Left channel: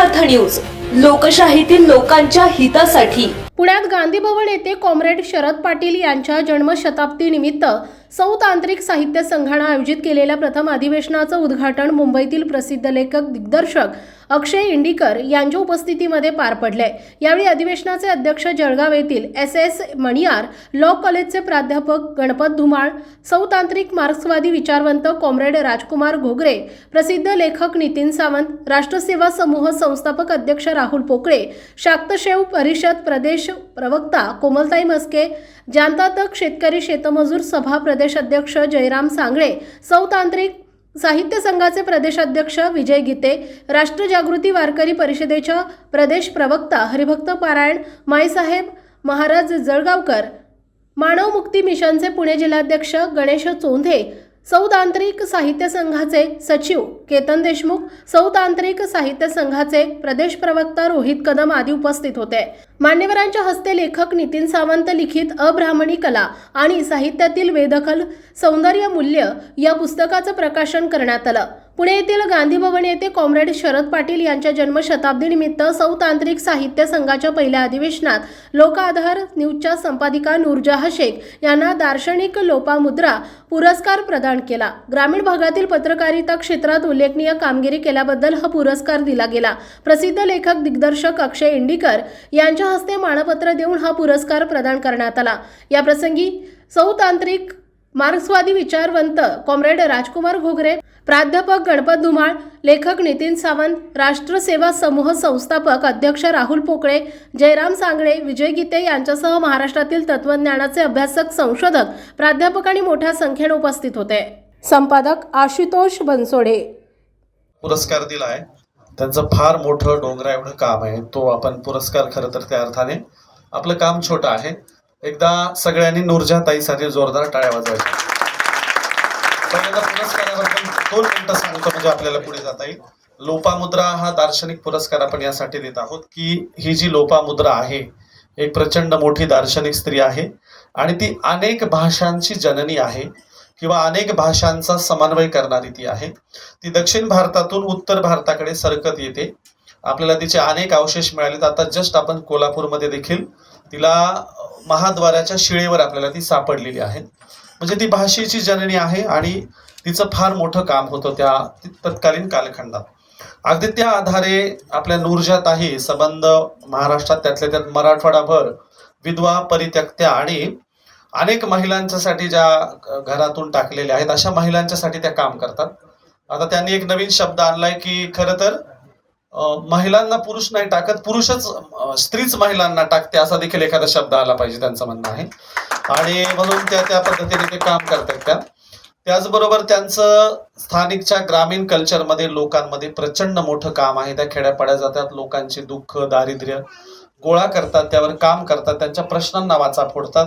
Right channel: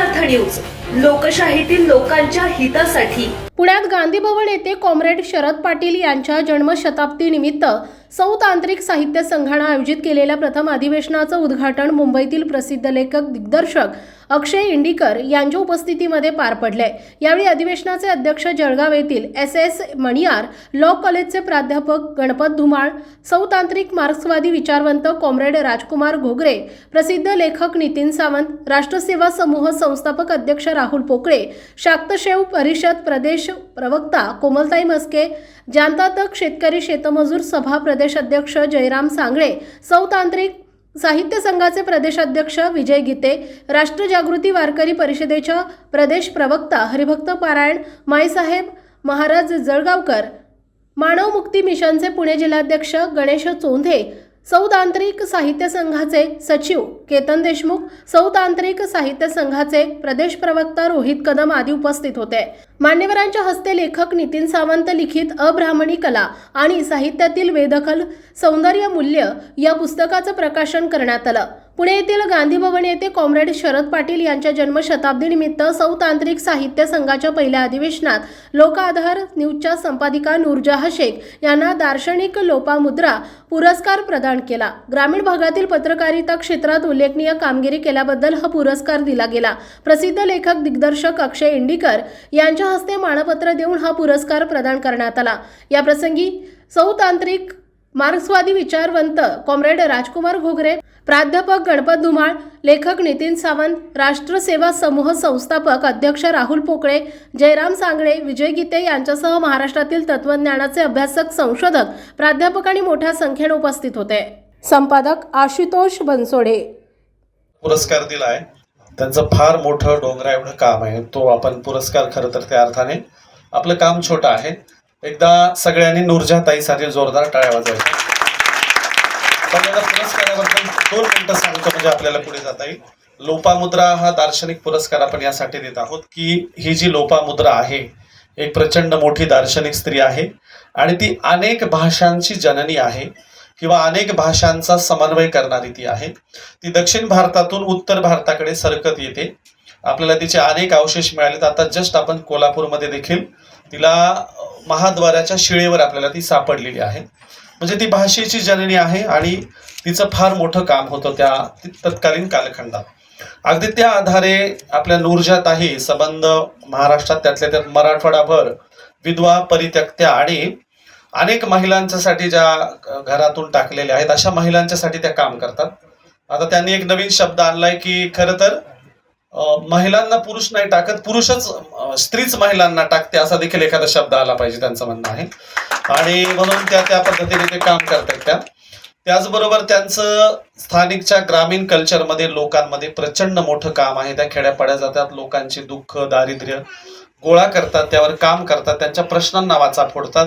अर्थ न्यूज लोकशाहीतील लोकांच्या हितासाठी. पुण्यात गांधी भवन येथे कॉम्रेड शरद पाटील यांच्या जन्मशताब्दी निमित्त सौ तांत्रिक साहित्य संघानं आयोजित केलेल्या प्रथम अधिवेशनाचं उद्घाटन मुंबईतील प्रसिद्ध लेखक दिग्दर्शक अक्षय इंडिकर यांच्या उपस्थितीमध्ये पार पडले यावेळी अधिवेशनाचे अध्यक्ष जळगाव येथील एस एस मणियार लॉ कॉलेजचे प्राध्यापक गणपत धुमाळ सौतांत्रिक मार्क्सवादी विचारवंत कॉम्रेड राजकुमार घोगरे प्रसिद्ध लेखक नितीन सावंत राष्ट्रसेवा समूह संस्थापक अध्यक्ष राहुल पोकळे शाक्तशेव परिषद प्रदेश प्रवक्ता कोमलताई मस्के जानतातक शेतकरी शेतमजूर सभा प्रदेश अध्यक्ष जयराम सांगळे सौतांत्रिक साहित्य संघाचे प्रदेशाध्यक्ष विजय गीते राष्ट्रजागृती वारकरी परिषदेच्या प्रदेश प्रवक्ता हरिभक्त पारायण माईसाहेब महाराज जळगावकर मानव मुक्ती मिशनचे पुणे जिल्हाध्यक्ष गणेश चोंधे सौतांत्रिक साहित्य संघाचे सचिव केतन देशमुख सौतांत्रिक साहित्य संघाचे प्रदेश प्रवक्ता रोहित कदम आदी उपस्थित होते. मान्यवरांच्या हस्ते लेखक नितीन सावंत लिखित अब्राह्मणी कला आणि साहित्यातील वेदखल सौंदर्य मूल्य या पुस्तकाचं प्रकाशन करण्यात आलं. पुणे येथील गांधी भवन येथे कॉम्रेड शरद पाटील यांच्या जन्मशताब्दीनिमित्त सौतांत्रिक साहित्य संघाच्या पहिल्या अधिवेशनात लोकाधार न्यूजच्या संपादिका नूरजहा शेख यांना दार्शनिक लोपामुद्रा पुरस्कार प्रदान केला. ग्रामीण भागातील पत्रकारिता क्षेत्रात उल्लेखनीय कामगिरी केल्याबद्दल हा पुरस्कार दिला गेला. प्रसिद्ध लेखक दिग्दर्शक अक्षय इंडिकर यांच्या हस्ते मानपत्र देऊन हा पुरस्कार प्रदान करण्यात आला. या प्रसंगी सौतांत्रिक मार्क्सवादी विचारवंत कॉम्रेड राजकुमार घोगरे प्राध्यापक गणपत धुमाळ लेखक नितीन सावंत राष्ट्रसेवा समूह संस्थापक अध्यक्ष राहुल पोकळे जयराम सांगळे विजय गीते यांच्यासह महाराष्ट्रातील तत्वज्ञानाचे अभ्यासक संशोधक प्राध्यापक आणि मोठ्या संख्येने उपस्थित होते. संपादक आशुतोष बनसोडे. पुरस्कार दिलाय. त्यांचं फार मोठं डोंगरा एवढं काम आहे. तो आपण पुरस्कार खरं तर त्या अर्थाने आपलं काम छोटं आहे. एकदा सगळ्यांनी नूरजा ताईसाठी जोरदार टाळ्या वाजवायच्या दोन मिनिटं सांगतो म्हणजे आपल्याला पुढे जाता येईल. लोपामुद्रा हा दार्शनिक पुरस्कार आपण यासाठी देत आहोत की ही जी लोपामुद्रा आहे एक प्रचंड मोठी दार्शनिक स्त्री आहे आणि ती अनेक भाषांची जननी आहे किंवा अनेक भाषांचा समन्वय करणारी ती आहे. ती दक्षिण भारतातून उत्तर भारताकडे सरकत येते. आपल्याला तिचे अनेक अवशेष मिळालेत. आता जस्ट आपण कोल्हापूरमध्ये देखील तिला महाद्वाराच्या शिळेवर आपल्याला ती सापडलेली आहे. म्हणजे ती भाषेची जननी आहे आणि तिचं फार मोठं काम होतं त्या तत्कालीन कालखंडात. अगदी त्या आधारे आपल्या नूरजात आहे संबंध महाराष्ट्रात त्यातल्या त्यात मराठवाडाभर विधवा परित्यक्त्या आणि अनेक महिलांच्यासाठी ज्या घरातून टाकलेल्या आहेत अशा महिलांच्यासाठी त्या काम करतात. आता त्यांनी एक नवीन शब्द आणलाय की खरं तर महिलांना पुरुष नाही टाकत पुरुषच स्त्रीच महिलांना टाकते असा देखील एखादा शब्द आला पाहिजे त्यांचं म्हणणं आहे. आणि म्हणून त्या त्या पद्धतीने ते काम करतात त्या. त्याचबरोबर त्यांचं स्थानिकच्या ग्रामीण कल्चरमध्ये लोकांमध्ये प्रचंड मोठं काम आहे. त्या खेड्यापाड्या जातात लोकांची दुःख दारिद्र्य गोळा करतात त्यावर काम करतात त्यांच्या प्रश्नांना वाचा फोडतात.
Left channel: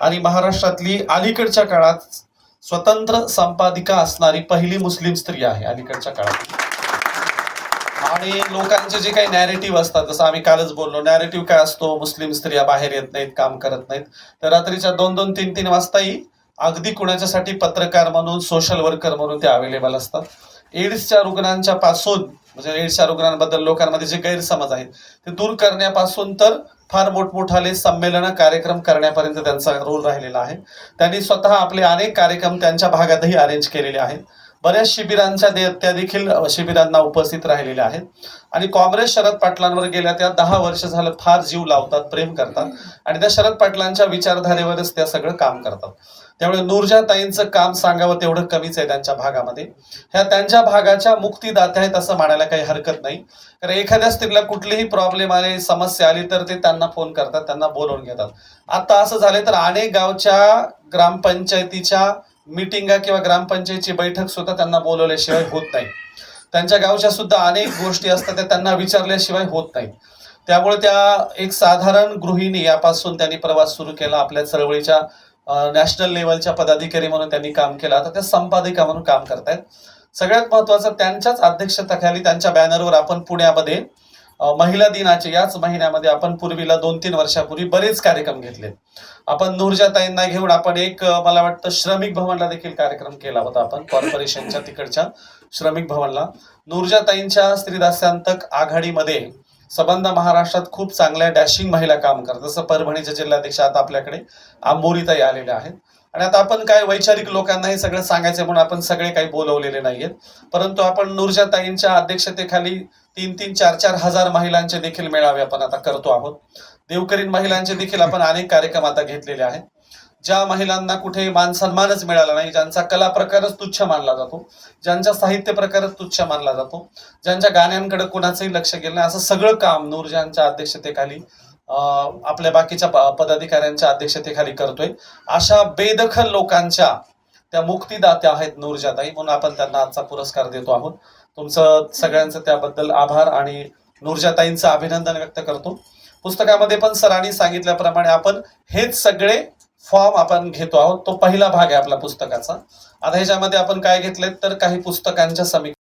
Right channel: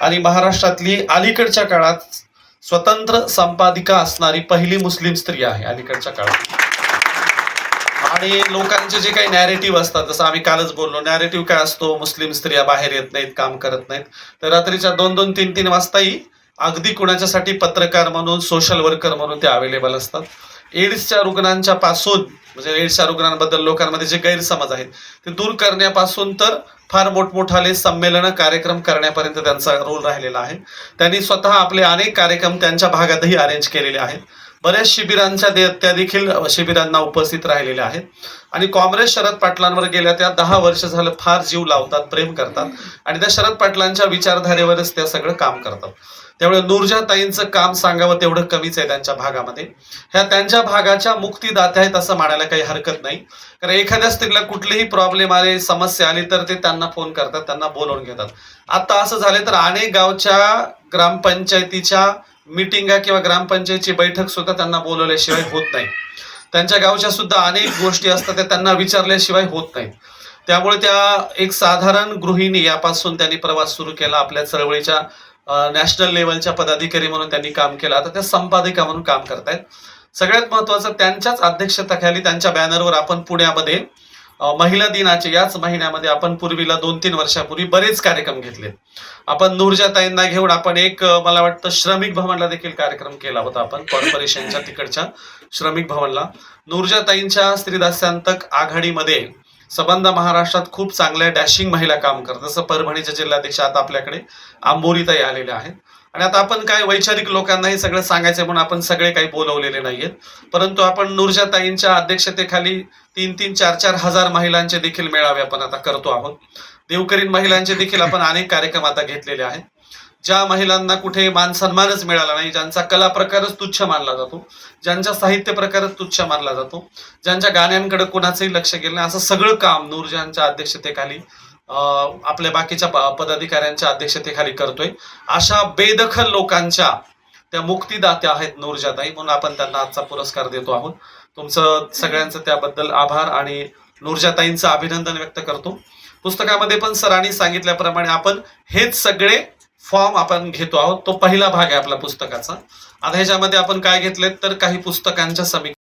आणि महाराष्ट्रातली अलीकडच्या काळात स्वतंत्र संपादिका असणारी पहिली मुस्लिम स्त्री आहे अलीकडच्या काळात. आणि लोकांचे जे काही नॅरेटिव्ह असतात जसं आम्ही कालच बोललो नॅरेटिव्ह काय असतो? मुस्लिम स्त्रिया बाहेर येत नाहीत काम करत नाहीत. तर रात्रीच्या दोन दोन तीन तीन वाजताही अगदी कुणाच्यासाठी पत्रकार म्हणून सोशल वर्कर म्हणून ते अवेलेबल असतात. एड्सच्या रुग्णांच्या पासून म्हणजे एड्सच्या रुग्णांबद्दल लोकांमध्ये जे गैरसमज आहेत ते दूर करण्यापासून तर फार मोठमोठाले संमेलन कार्यक्रम करण्यापर्यंत त्यांचा रोल राहिलेला आहे. त्यांनी स्वतः आपले अनेक कार्यक्रम त्यांच्या भागातही अरेंज केलेले आहेत. बऱ्याच शिबिरांच्या दे- त्या देखील शिबिरांना उपस्थित राहिलेल्या आहेत. आणि काँग्रेस शरद पाटलांवर गेल्या त्या दहा वर्ष झालं फार जीव लावतात प्रेम करतात. आणि त्या शरद पाटलांच्या विचारधारेवरच त्या सगळं काम करतात. त्यामुळे नूरजा ताईंचं काम सांगावं तेवढं कमीच आहे त्यांच्या भागामध्ये. ह्या त्यांच्या भागाच्या मुक्तीदात्या आहेत असं म्हणायला काही हरकत नाही. कारण एखाद्या स्त्रीला कुठलीही प्रॉब्लेम आले समस्या आली तर ते त्यांना फोन करतात त्यांना बोलवून घेतात. आता असं झालं तर अनेक गावच्या ग्रामपंचायतीच्या मिटिंगा किंवा ग्रामपंचायतीची बैठक सुद्धा त्यांना बोलवल्याशिवाय होत नाही. त्यांच्या गावच्या सुद्धा अनेक गोष्टी असतात त्या त्यांना विचारल्याशिवाय होत नाहीत. त्यामुळे त्या एक साधारण गृहिणी यापासून त्यांनी प्रवास सुरू केला आपल्या चळवळीच्या नॅशनल लेवलच्या पदाधिकारी म्हणून त्यांनी काम केलं. आता त्या संपादिका म्हणून काम करतायत. सगळ्यात महत्वाचं त्यांच्याच अध्यक्षतेखाली त्यांच्या बॅनरवर आपण पुण्यामध्ये महिला दिनाचे याच महिन्यामध्ये आपण पूर्वीला दोन तीन वर्षापूर्वी बरेच कार्यक्रम घेतले. आपण नूरजाताईंना घेऊन आपण एक मला वाटतं श्रमिक भवनला देखील कार्यक्रम केला होता आपण कॉर्पोरेशनच्या तिकडच्या श्रमिक भवनला. नूरजाताईंच्या स्त्रीदास्यांतक आघाडीमध्ये संबंध महाराष्ट्रात खूप चांगल्या डॅशिंग महिला काम करतात. जसं परभणीच्या जिल्हाध्यक्ष आता आपल्याकडे आंबोरीताई आलेल्या आहेत. आणि आता आपण काय वैचारिक लोकांना हे सगळं सांगायचं म्हणून आपण सगळे काही बोलवलेले नाहीयेत. परंतु आपण नूरजाताईंच्या अध्यक्षतेखाली तीन तीन चार चार हजार महिलांचे देखील मेळावे आपण आता करतो आहोत. देवकरीन महिलांचे देखील आपण अनेक कार्यक्रम आता घेतलेले आहेत. ज्या महिलांना कुठे मान सन्मानच मिळाला नाही ज्यांचा कला प्रकारच तुच्छ मानला जातो ज्यांचा साहित्य प्रकारच तुच्छ मानला जातो ज्यांच्या गाण्यांकडे कुणाचंही लक्ष गेलं नाही असं सगळं काम नूरजांच्या अध्यक्षतेखाली आपल्या बाकीच्या पदाधिकाऱ्यांच्या अध्यक्षतेखाली करतोय. अशा बेदखल लोकांच्या त्या मुक्तीदात्या आहेत नूरजाताई म्हणून आपण त्यांना आजचा पुरस्कार देतो आहोत. तुमचं सगळ्यांचं त्याबद्दल आभार आणि नूरजाताईंचं अभिनंदन व्यक्त करतो. पुस्तकामध्ये पण सरांनी सांगितल्याप्रमाणे आपण हेच सगळे फॉर्म आपण घेतो आहोत. तो पहिला भाग आहे आपल्या पुस्तकाचा. आता ह्याच्यामध्ये आपण काय घेतलेत तर काही पुस्तकांच्या समीक्षा